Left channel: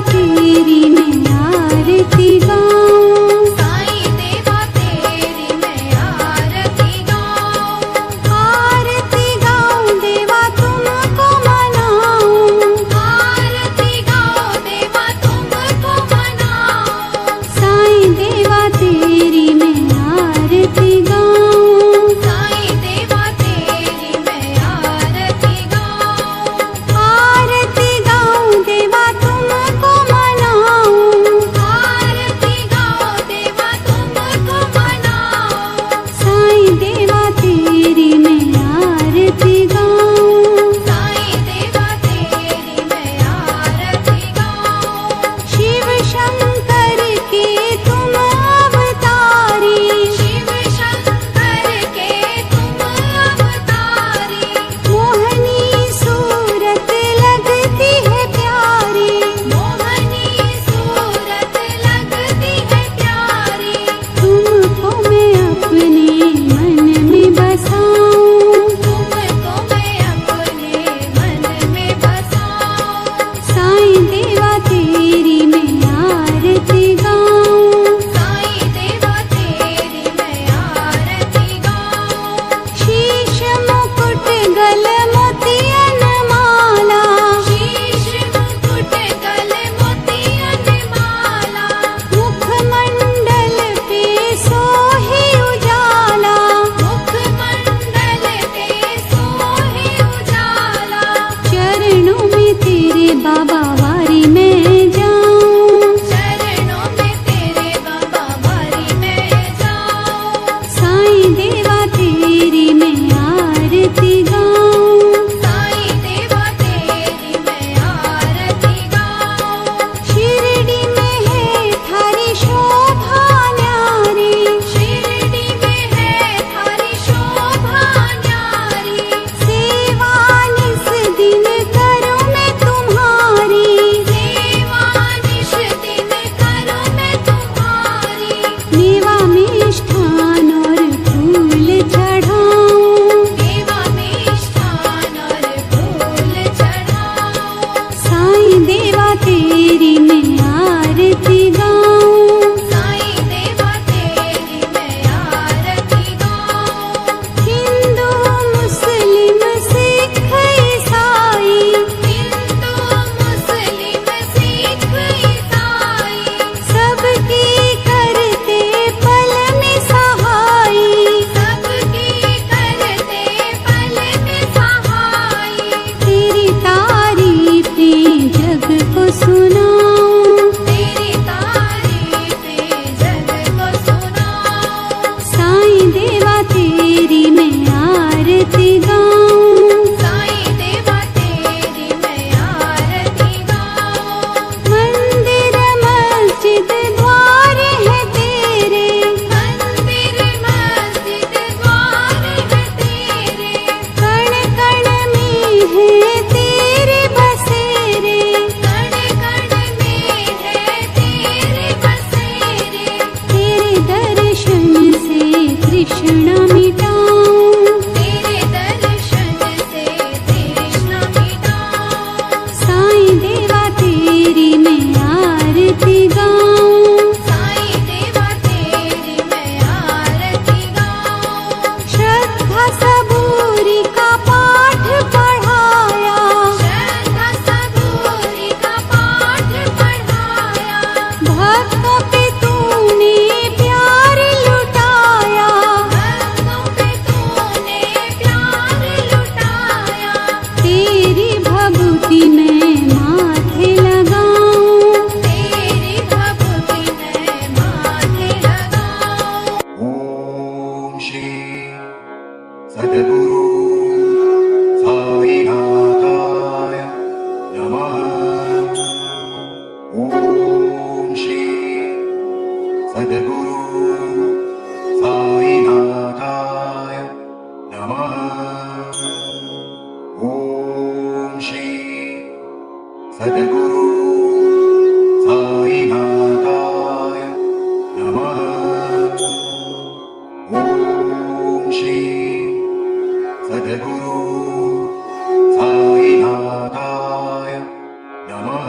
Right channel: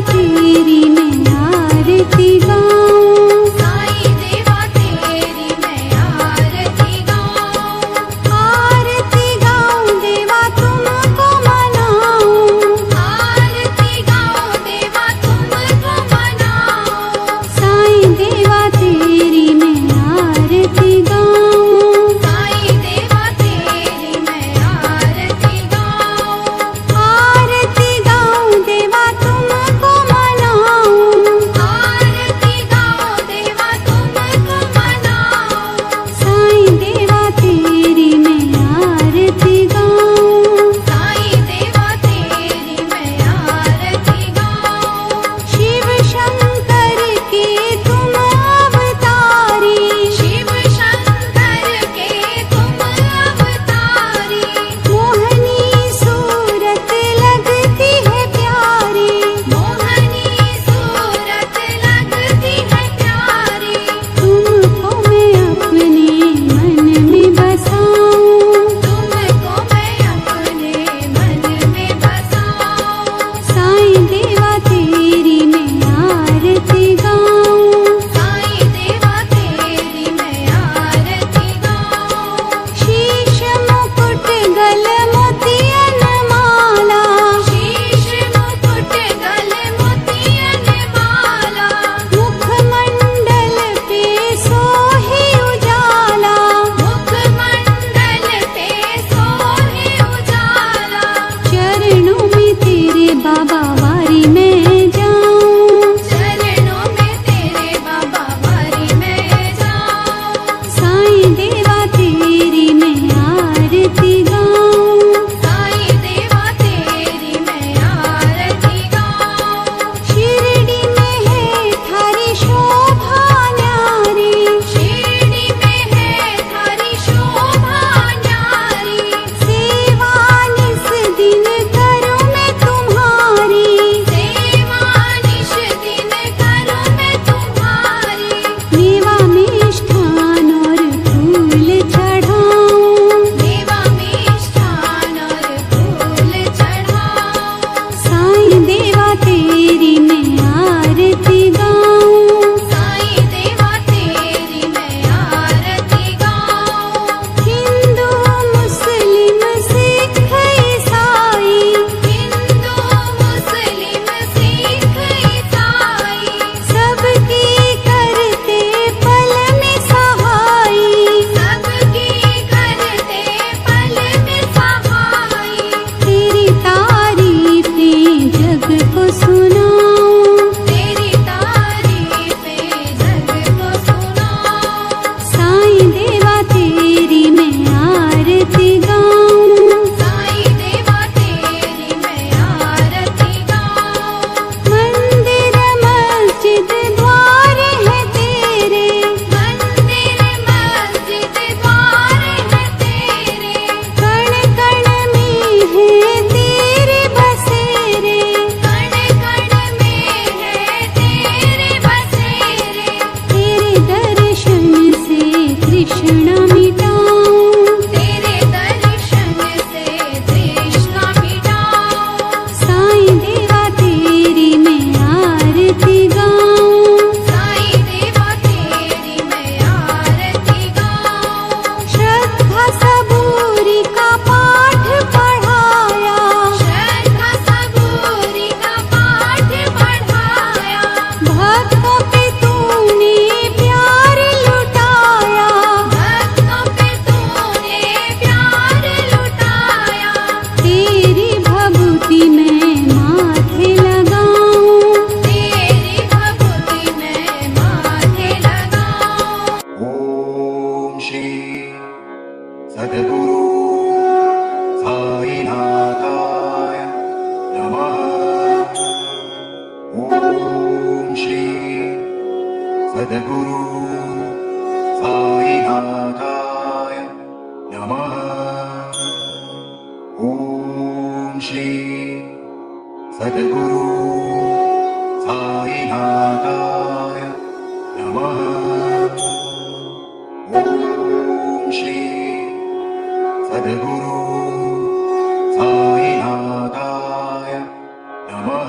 तेरी मैं आरती गाऊं, साईं देवा तेरी मैं आरती गाऊं, आरती गाऊं देवा तुमको मनाऊं, आरती गाऊं देवा तुमको मनाऊं, साईं देवा तेरी मैं आरती गाऊं, साईं देवा तेरी मैं आरती गाऊं, आरती गाऊं देवा तुमको मनाऊं, आरती गाऊं देवा तुमको मनाऊं, साईं देवा तेरी मैं आरती गाऊं, साईं देवा तेरी मैं आरती गाऊं, शिव शंकर के तुम अवतारी, शिव शंकर के तुम अवतारी, मोहनी सूरत लगती है प्यारी, मोहनी सूरत लगती है प्यारी, तुमको मैं अपने मन में बसाऊं, तुमको मैं अपने मन में बसाऊं, साईं देवा तेरी मैं आरती गाऊं, साईं देवा तेरी मैं आरती गाऊं, शीश मुकुट गल मोतियन माला, शीश मुकुट गल मोतियन माला, मुखमंडल पे सोहे उजाला, मुखमंडल पे सोहे उजाला, चरणों में तेरे बाबा वारी मैं जाऊं, चरणों में तेरे बाबा वारी मैं जाऊं, साईं देवा तेरी मैं आरती गाऊं, साईं देवा तेरी मैं आरती गाऊं, शिरडी में है थारी शोभा न्यारी, शिरडी में है थारी शोभा न्यारी, सेवा निस दिन करूं मैं तुम्हारी, सेवा निश दिन करूं मैं तुम्हारी, मेवा मिष्ठान और फूल चढ़ाऊं, देवा मिष्ठान और फूल चढ़ाऊं, साईं देवा तेरी मैं आरती गाऊं, साईं देवा तेरी मैं आरती गाऊं, हिंदू मुस्लिम सिख ईसाई, हिंदू मुस्लिम सिख ईसाई, सबकी करते पल में सहाई, सबकी करते पल में सहाई, तेरी तारीफें जग को सुनाऊं, तेरी तारीफें जग को सुनाऊं, साईं देवा तेरी मैं आरती गाऊं, साईं देवा तेरी मैं आरती गाऊं, मंदिर मस्जिद द्वार है तेरे, मंदिर मस्जिद द्वार है तेरे, कण कण में है तेरे बसेरे, कण कण में है तेरे बसेरे, तेरे दर्शन से तृष्णा मिटाऊं, तेरे दर्शन से तृष्णा मिटाऊं, साईं देवा तेरी मैं आरती गाऊं, साईं देवा तेरी मैं आरती गाऊं, श्रद्धा सबूरी का पाठ पढ़ाया, श्रद्धा सबूरी का पाठ पढ़ाया, भक्तों पे तूने प्यार लुटाया, भक्तों पे तूने प्यार लुटाया, तेरी भभूति मैं माथे लगाऊं, तेरी भक्ति मैं माथे लगाऊं, ओम श्री सद्गुरु साईनाथाय नमः। ओम श्री सद्गुरु साईनाथाय नमः। ओम श्री सद्गुरु साईनाथाय नमः। ओम श्री सद्गुरु साईनाथाय नमः।